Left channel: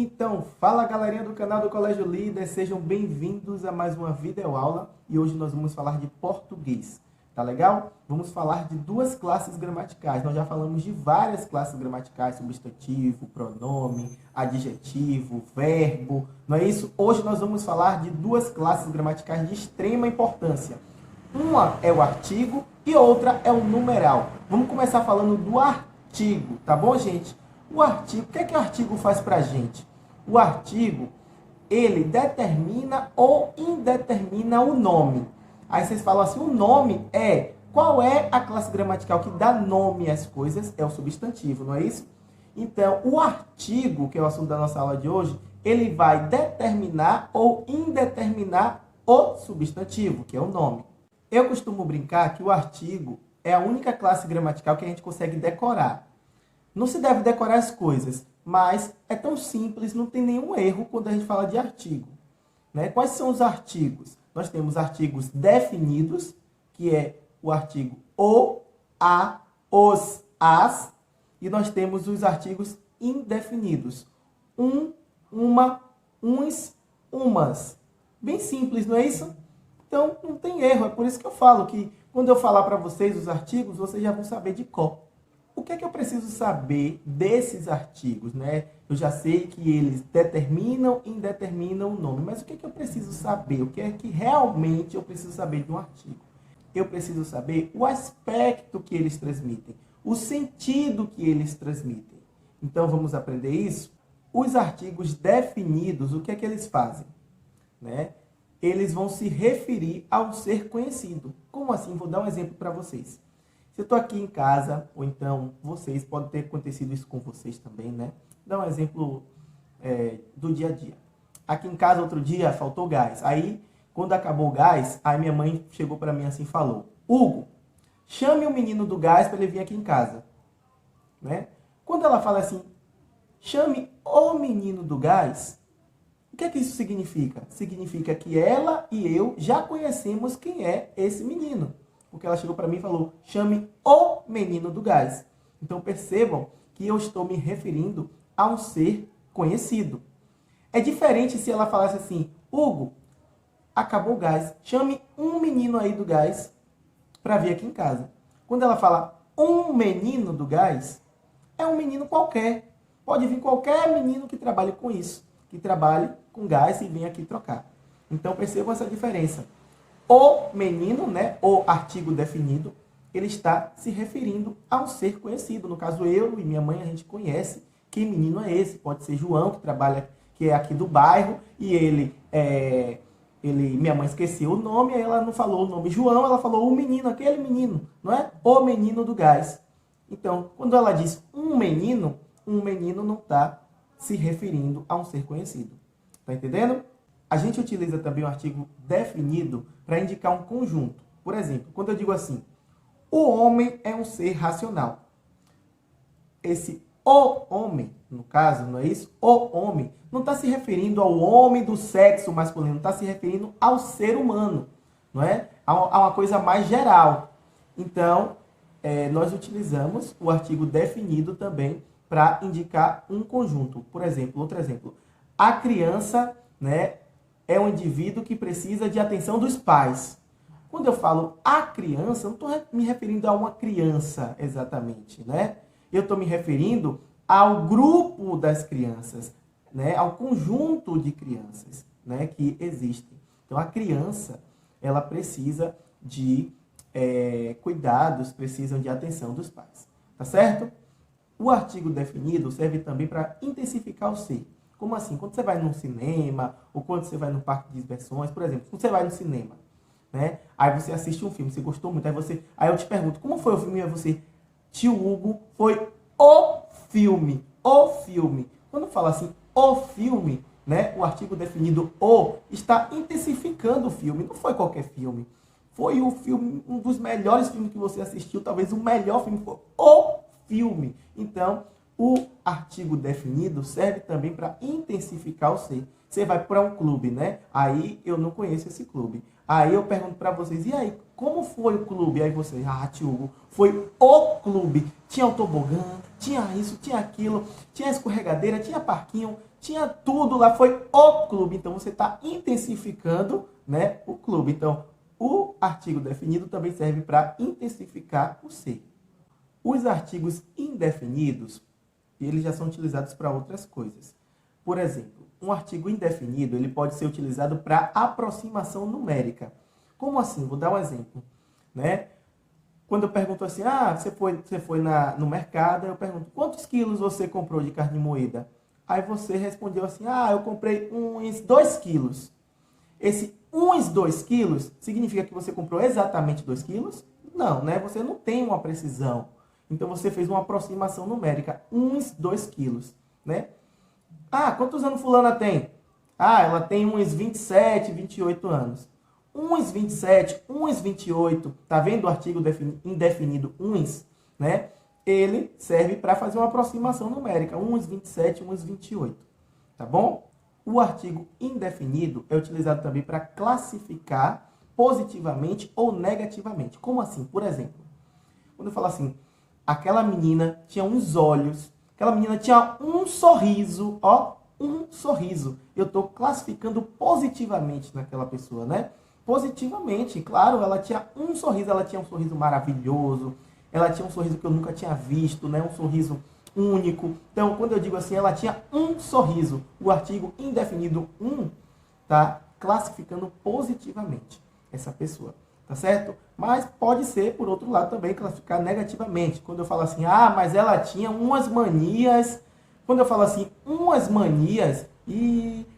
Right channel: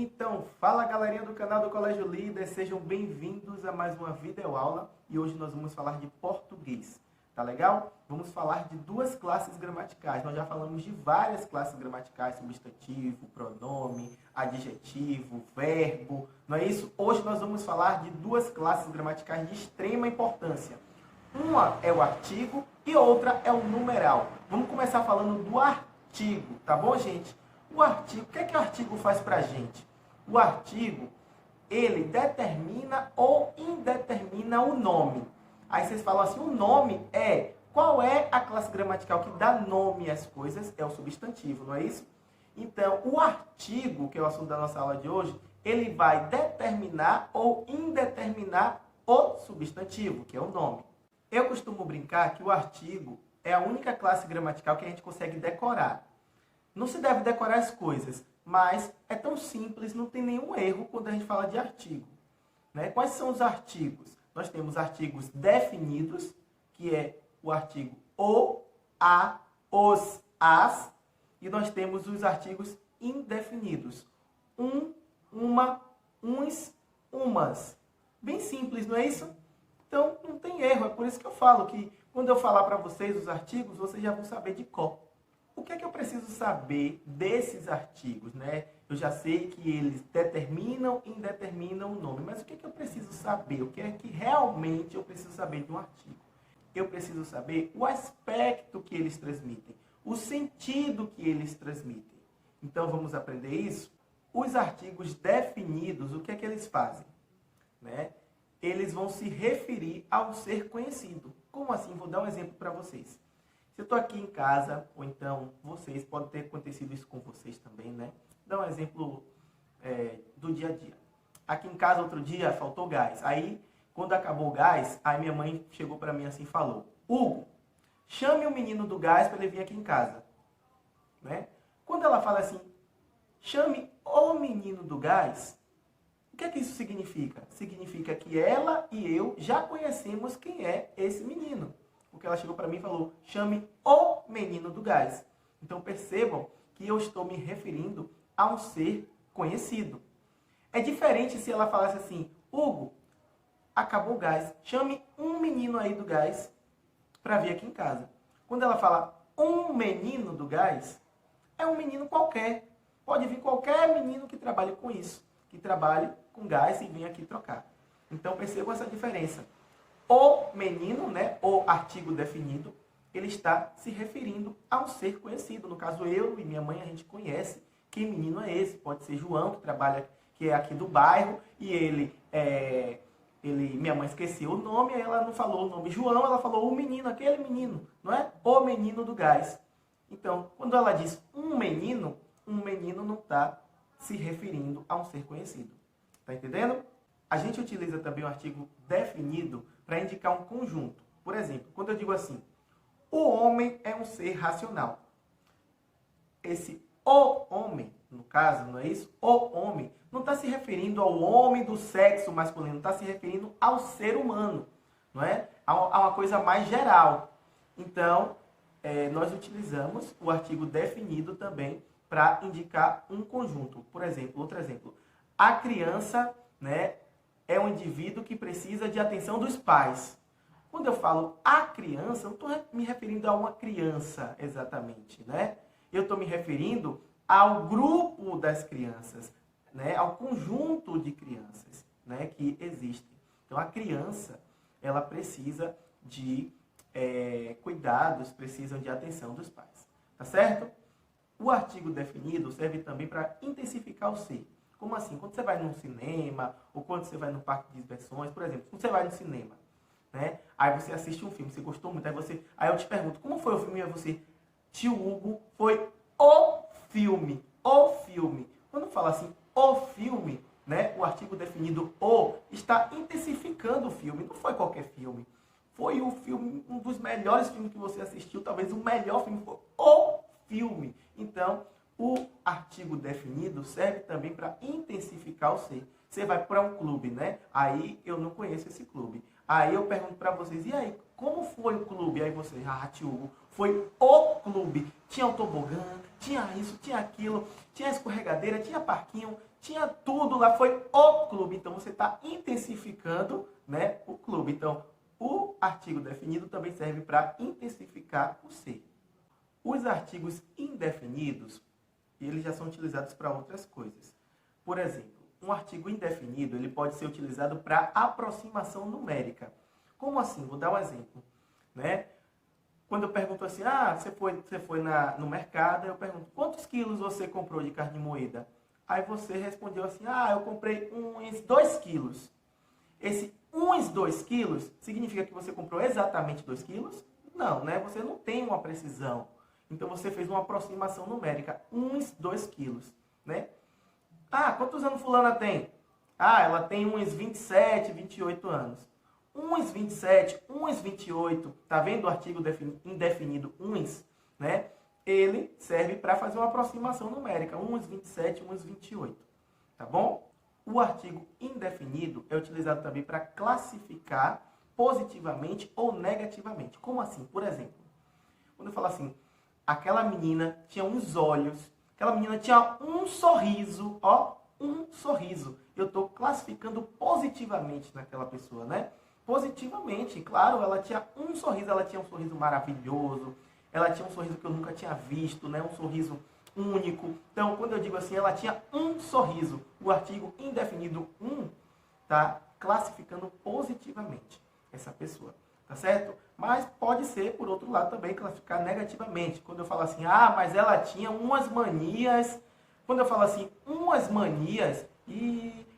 Então, fala galerinha do canal do Colégio Líder, sejam bem-vindos a mais uma videoaula e hoje nós vamos falar de português, tá legal? Vamos falar de duas classes gramaticais, nós já falamos de várias classes gramaticais, substantivo, pronome, adjetivo, verbo, não é isso? Hoje nós vamos falar de duas classes gramaticais de extrema importância. Uma é o artigo e outra é o numeral. Vamos começar falando do artigo, tá bom, gente? O artigo, o que é que o artigo faz pra gente? O artigo, ele determina ou indetermina o nome. Aí vocês falam assim, o nome é... Qual é a classe gramatical que dá nome às coisas? É o substantivo, não é isso? Então, o artigo, que é o assunto da nossa aula de hoje, ele vai determinar ou indeterminar o substantivo, que é o nome. Eu costumo brincar que o artigo é a única classe gramatical que a gente consegue decorar. Não se deve decorar as coisas, mas é tão simples, não tem nenhum erro quando a gente fala de artigo, né? Quais são os artigos? Nós temos artigos definidos, que é o artigo o, a, os, as, e nós temos os artigos indefinidos. Um, uma, uns, umas. Bem simples, não é isso? Então, não tem erro. É por isso que eu falo que quando eu falar para vocês os artigos, vocês já vão saber de cor. O que é que eu preciso saber desses artigos, né? Eu já sei que eles determinam e indeterminam o nome, mas o que é que eu preciso saber? O que é que realmente eu preciso saber de um artigo? Eu preciso saber o aspecto que eles transmitem, o sentido que eles transmitem. Então, vamos aprender isso? Os artigos definidos, o que é que eles fazem? Né? Eles vão se referir ao ser conhecido. Como assim? Vou dar um exemplo para vocês. Se eu estou aqui em casa, ou então vocês, pode ter acontecido isso com vocês também, né? Dá um exemplo do dia a dia. Aqui em casa, outro dia, faltou gás. Aí, quando acabou o gás, aí minha mãe chegou para mim assim e falou: Hugo, chame o menino do gás para ele vir aqui em casa. Né? Quando ela fala assim, chame o menino do gás, o que é que isso significa? Significa que ela e eu já conhecemos quem é esse menino. Porque ela chegou para mim e falou, chame o menino do gás. Então percebam que eu estou me referindo a um ser conhecido. É diferente se ela falasse assim, Hugo, acabou o gás, chame um menino aí do gás para vir aqui em casa. Quando ela fala um menino do gás, é um menino qualquer. Pode vir qualquer menino que trabalhe com isso, que trabalhe com gás e venha aqui trocar. Então percebam essa diferença. O menino, né, o artigo definido, ele está se referindo a um ser conhecido. No caso, eu e minha mãe, a gente conhece que menino é esse. Pode ser João, que trabalha, que é aqui do bairro, e minha mãe esqueceu o nome, aí ela não falou o nome João, ela falou o menino, aquele menino, não é? O menino do gás. Então, quando ela diz um menino não está se referindo a um ser conhecido. Tá entendendo? A gente utiliza também o artigo definido para indicar um conjunto. Por exemplo, quando eu digo assim, o homem é um ser racional. Esse o homem, no caso, não é isso? O homem não está se referindo ao homem do sexo masculino, está se referindo ao ser humano, não é? A uma coisa mais geral. Então, nós utilizamos o artigo definido também para indicar um conjunto. Por exemplo, outro exemplo. A criança, né, é um indivíduo que precisa de atenção dos pais. Quando eu falo a criança, eu não estou me referindo a uma criança exatamente, né? Eu estou me referindo ao grupo das crianças, né? Ao conjunto de crianças, né, que existem. Então, a criança, ela precisa de cuidados, precisa de atenção dos pais. Tá certo? O artigo definido serve também para intensificar o ser. Como assim? Quando você vai num cinema, ou quando você vai num parque de diversões, por exemplo, quando você vai no cinema, né? Aí você assiste um filme, você gostou muito, aí eu te pergunto, como foi o filme? Aí você, tio Hugo, foi o filme, o filme. Quando fala assim, o filme, né? O artigo definido o está intensificando o filme, não foi qualquer filme. Foi o filme, um dos melhores filmes que você assistiu, talvez o melhor filme, foi o filme. Então, o artigo definido serve também para intensificar o ser. Você vai para um clube, né? Aí eu não conheço esse clube. Aí eu pergunto para vocês, e aí, como foi o clube? Aí vocês, tio Hugo, foi o clube. Tinha o tobogã, tinha isso, tinha aquilo, tinha escorregadeira, tinha parquinho, tinha tudo lá, foi o clube. Então você está intensificando, né, o clube. Então o artigo definido também serve para intensificar o ser. Os artigos indefinidos, eles já são utilizados para outras coisas. Por exemplo, um artigo indefinido ele pode ser utilizado para aproximação numérica. Como assim? Vou dar um exemplo, né? Quando eu pergunto assim, você foi no mercado, eu pergunto, quantos quilos você comprou de carne moída? Aí você respondeu assim, eu comprei uns 2 quilos. Esse uns 2 quilos significa que você comprou exatamente 2 quilos? Não, né? Você não tem uma precisão. Então você fez uma aproximação numérica, uns 2 quilos, né? Quantos anos fulana tem? Ela tem uns 27, 28 anos. Uns 27, uns 28, tá vendo o artigo indefinido uns, né? Ele serve para fazer uma aproximação numérica, uns 27, uns 28, tá bom? O artigo indefinido é utilizado também para classificar positivamente ou negativamente. Como assim? Por exemplo, quando eu falo assim, aquela menina tinha uns olhos, aquela menina tinha um sorriso, um sorriso. Eu estou classificando positivamente naquela pessoa, né? Positivamente, claro, ela tinha um sorriso maravilhoso, ela tinha um sorriso que eu nunca tinha visto, né? Um sorriso único. Então, quando eu digo assim, ela tinha um sorriso, o artigo indefinido tá classificando positivamente essa pessoa, tá certo? Mas pode ser, por outro lado, também classificar negativamente. Quando eu falo assim, mas ela tinha umas manias. Quando eu falo assim, umas manias,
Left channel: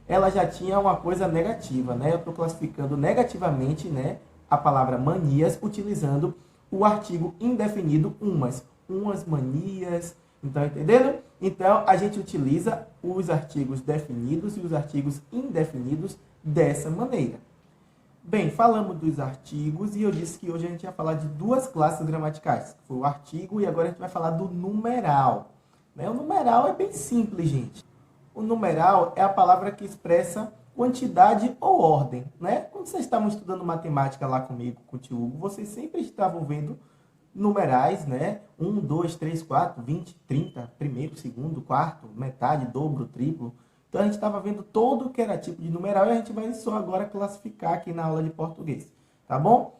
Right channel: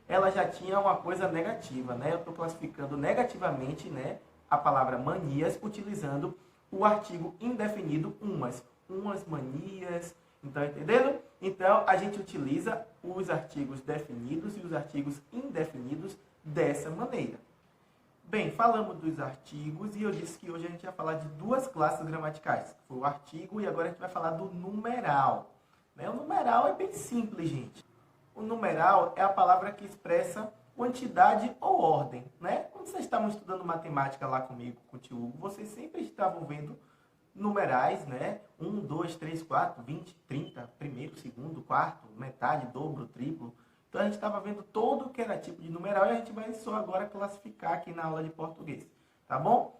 ela já tinha uma coisa negativa, né? Eu estou classificando negativamente, né, a palavra manias, utilizando o artigo indefinido umas manias. Então, entendendo? Então, a gente utiliza os artigos definidos e os artigos indefinidos dessa maneira. Bem, falamos dos artigos e eu disse que hoje a gente ia falar de 2 classes gramaticais. Foi o artigo e agora a gente vai falar do numeral. O numeral é bem simples, gente. O numeral é a palavra que expressa quantidade ou ordem, né? Quando vocês estavam estudando matemática lá comigo, com o tio Hugo, vocês sempre estavam vendo numerais, né? 1, 2, 3, 4, 20, 30, primeiro, segundo, quarto, metade, dobro, triplo. Então a gente estava vendo todo o que era tipo de numeral e a gente vai só agora classificar aqui na aula de português, tá bom?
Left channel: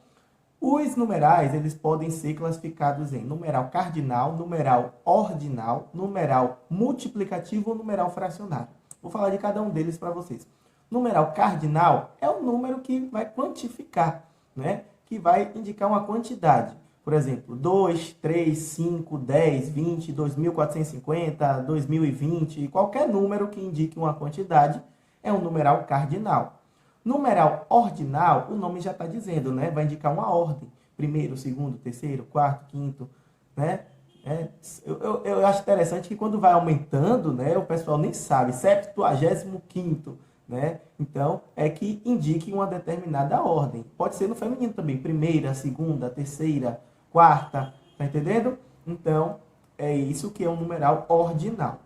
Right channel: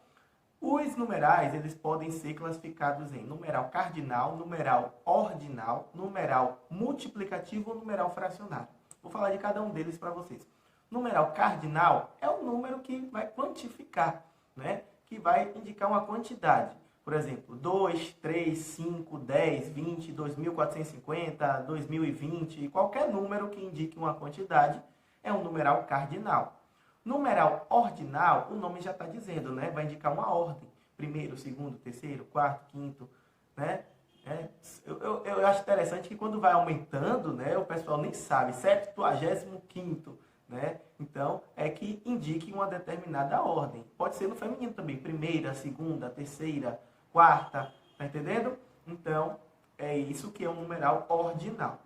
Os numerais, eles podem ser classificados em numeral cardinal, numeral ordinal, numeral multiplicativo ou numeral fracionário. Vou falar de cada um deles para vocês. Numeral cardinal é o número que vai quantificar, né? Que vai indicar uma quantidade. Por exemplo, 2, 3, 5, 10, 20, 2.450, 2020, qualquer número que indique uma quantidade é um numeral cardinal. Numeral ordinal, o nome já está dizendo, né? Vai indicar uma ordem. Primeiro, segundo, terceiro, quarto, quinto, né? Eu acho interessante que quando vai aumentando, né? O pessoal nem sabe. 75º, né? Então, é que indique uma determinada ordem. Pode ser no feminino também. Primeira, segunda, terceira, quarta. Tá entendendo? Então, é isso que é um numeral ordinal.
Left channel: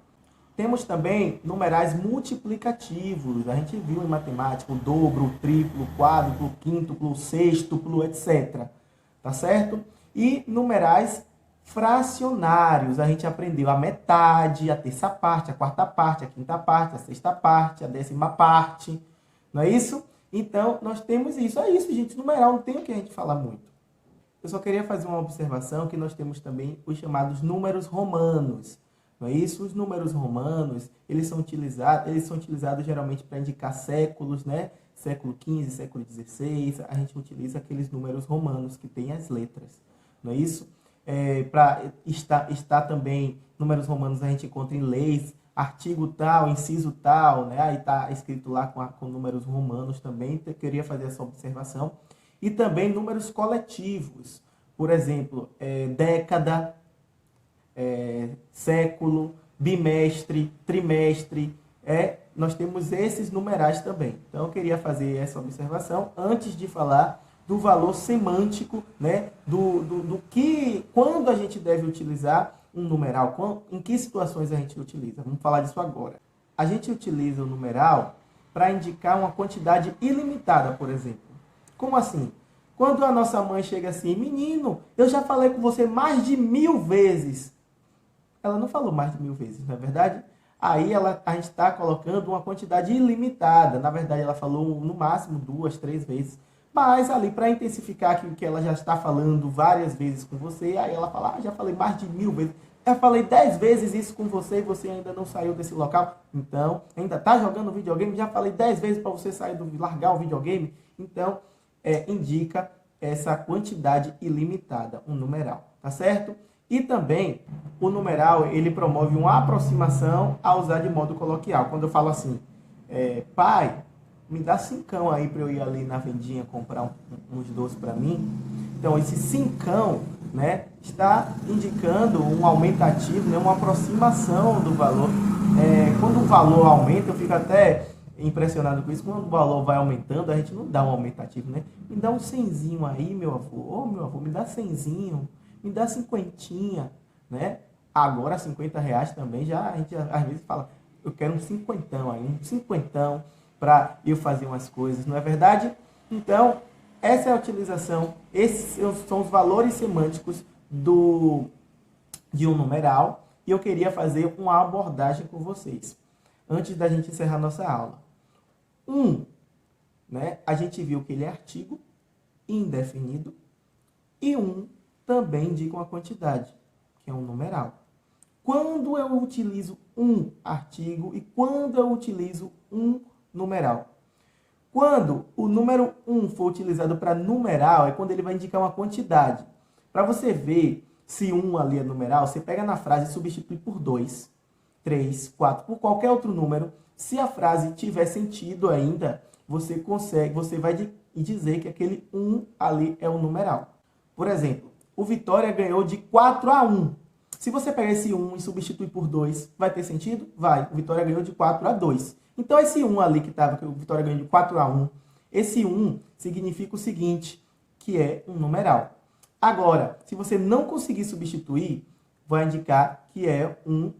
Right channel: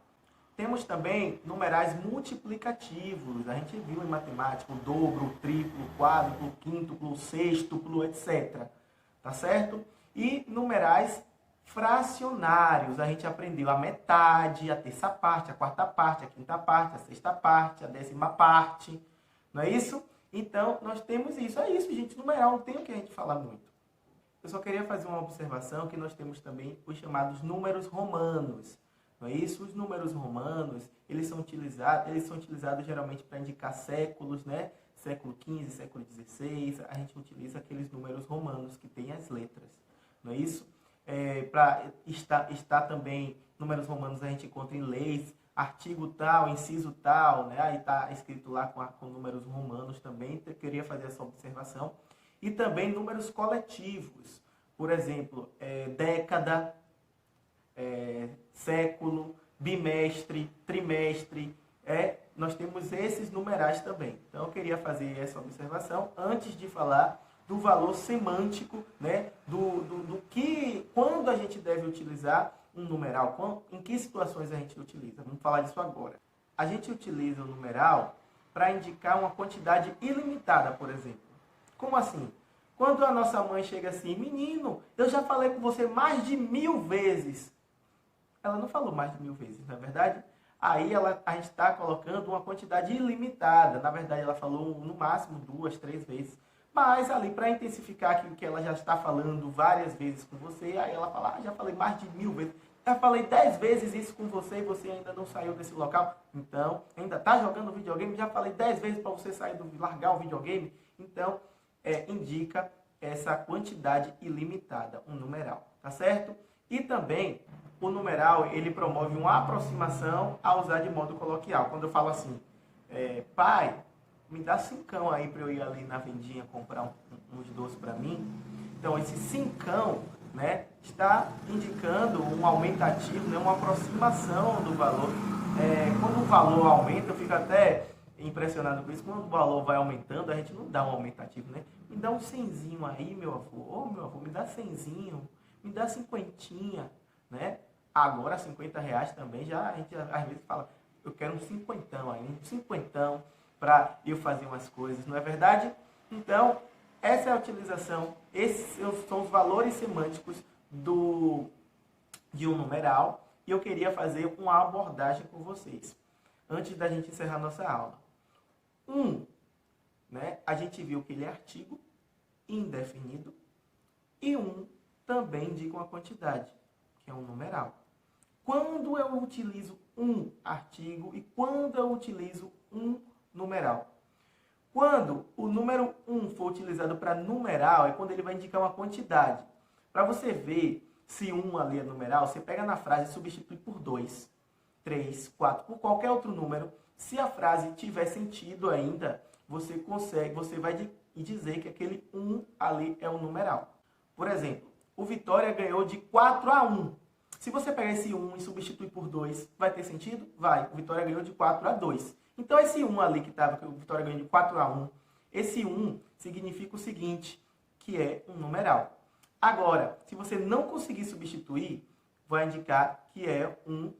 Temos também numerais multiplicativos. A gente viu em matemática o dobro, o triplo, o quádruplo, o quíntuplo, o sextuplo, etc. Tá certo? E numerais fracionários. A gente aprendeu a metade, a terça parte, a quarta parte, a quinta parte, a sexta parte, a 10ª parte. Não é isso? Então, nós temos isso. É isso, gente. Numeral não tem o que a gente falar muito. Eu só queria fazer uma observação que nós temos também os chamados números romanos. Não é isso? Os números romanos, eles são utilizados geralmente para indicar séculos, né? Século XV, século XVI, a gente utiliza aqueles números romanos que têm as letras. Não é isso? Para estar também, números romanos a gente encontra em leis, artigo tal, inciso tal, né? Aí está escrito lá com números romanos também, eu queria fazer essa observação. E também números coletivos, por exemplo, década, século, bimestre, trimestre, nós temos esses numerais também. Então eu queria fazer essa observação antes de falar do valor semântico, né, do que, quando a gente deve utilizar um numeral, em que situações a gente utiliza. Vamos falar disso agora. A gente utiliza o numeral para indicar uma quantidade ilimitada, por exemplo. Como assim? Quando a nossa mãe chega assim, menino, eu já falei com você mais de 1000 vezes. Ela não falou mais de 1000 vezes, não é verdade? Aí a gente está colocando uma quantidade ilimitada. Na verdade, ela falou no máximo 2, 3 vezes. Mas ali, para intensificar aquilo que ela já está falando várias vezes com você, aí ela fala, já falei mais de 1000 vezes. Eu falei 10 vezes isso com você e você ainda não saiu desse local. Então, ainda está jogando videogame? Já falei 10 vezes para você sair largar o videogame. Então, indica essa quantidade ilimitada, um numeral, tá certo? E também, o numeral, ele promove uma aproximação a usar de modo coloquial. Quando eu falo assim, pai, me dá 5 aí para eu ir ali na vendinha comprar uns doces para mim. Então, esse 5, né, está indicando um aumentativo, né, uma aproximação do valor. Quando o valor aumenta, eu fico até impressionado com isso. Quando o valor vai aumentando, a gente não dá um aumentativo, né? Me dá um 100zinho aí, meu avô. Ô, meu avô, me dá 100zinho. Me dá 50, né? Agora, R$50 também, já a gente às vezes fala, eu quero um 50 aí, um 50 para eu fazer umas coisas, não é verdade? Então, essa é a utilização, esses são os valores semânticos de um numeral, e eu queria fazer uma abordagem com vocês, antes da gente encerrar nossa aula. Né? A gente viu que ele é artigo indefinido, e também indica uma quantidade, que é um numeral. Quando eu utilizo um artigo e quando eu utilizo um numeral? Quando o número for utilizado para numeral, é quando ele vai indicar uma quantidade. Para você ver se ali é numeral, você pega na frase e substitui por 2, 3, 4, por qualquer outro número. Se a frase tiver sentido ainda, você vai dizer que aquele ali é um numeral. Por exemplo, o Vitória ganhou de 4-1. Se você pegar esse 1 e substituir por 2, vai ter sentido? Vai. O Vitória ganhou de 4-2. Então, esse 1 ali que o Vitória ganhou de 4-1, esse 1 significa o seguinte, que é um numeral. Agora, se você não conseguir substituir, vai indicar que é um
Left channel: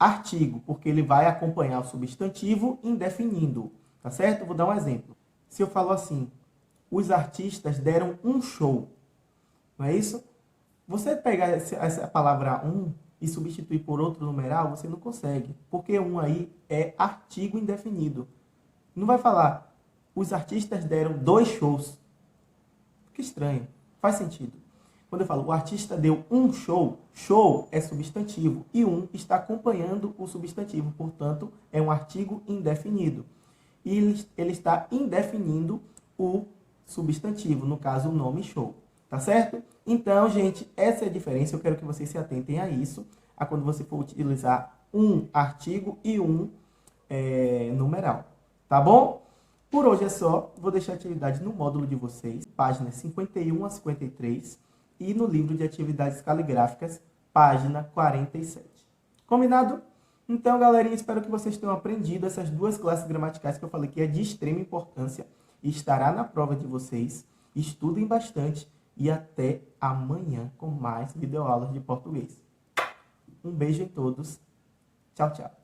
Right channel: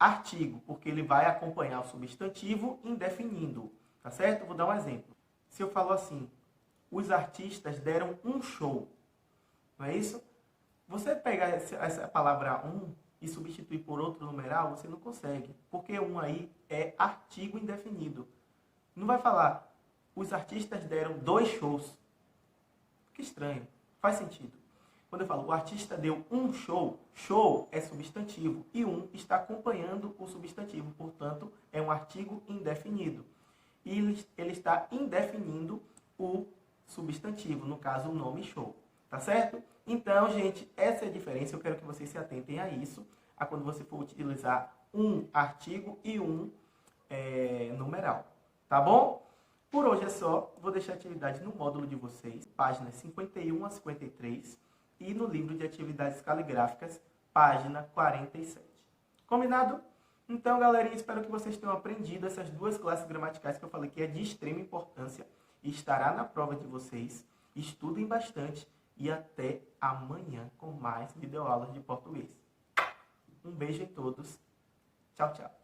artigo, porque ele vai acompanhar o substantivo indefinindo. Tá certo? Vou dar um exemplo. Se eu falo assim, os artistas deram um show. Não é isso? Você pegar essa palavra e substituir por outro numeral, você não consegue. Porque aí é artigo indefinido. Não vai falar, os artistas deram 2 shows. Que estranho. Faz sentido. Quando eu falo, o artista deu um show, show é substantivo. E está acompanhando o substantivo. Portanto, é um artigo indefinido. E ele está indefinindo o substantivo, no caso, o nome show. Tá certo? Então, gente, essa é a diferença. Eu quero que vocês se atentem a isso, a quando você for utilizar um artigo e numeral. Tá bom? Por hoje é só. Vou deixar a atividade no módulo de vocês, páginas 51 a 53, e no livro de atividades caligráficas, página 47. Combinado? Então, galerinha, espero que vocês tenham aprendido essas 2 classes gramaticais que eu falei que é de extrema importância e estará na prova de vocês. Estudem bastante e até amanhã com mais videoaulas de português. Um beijo a todos. Tchau, tchau.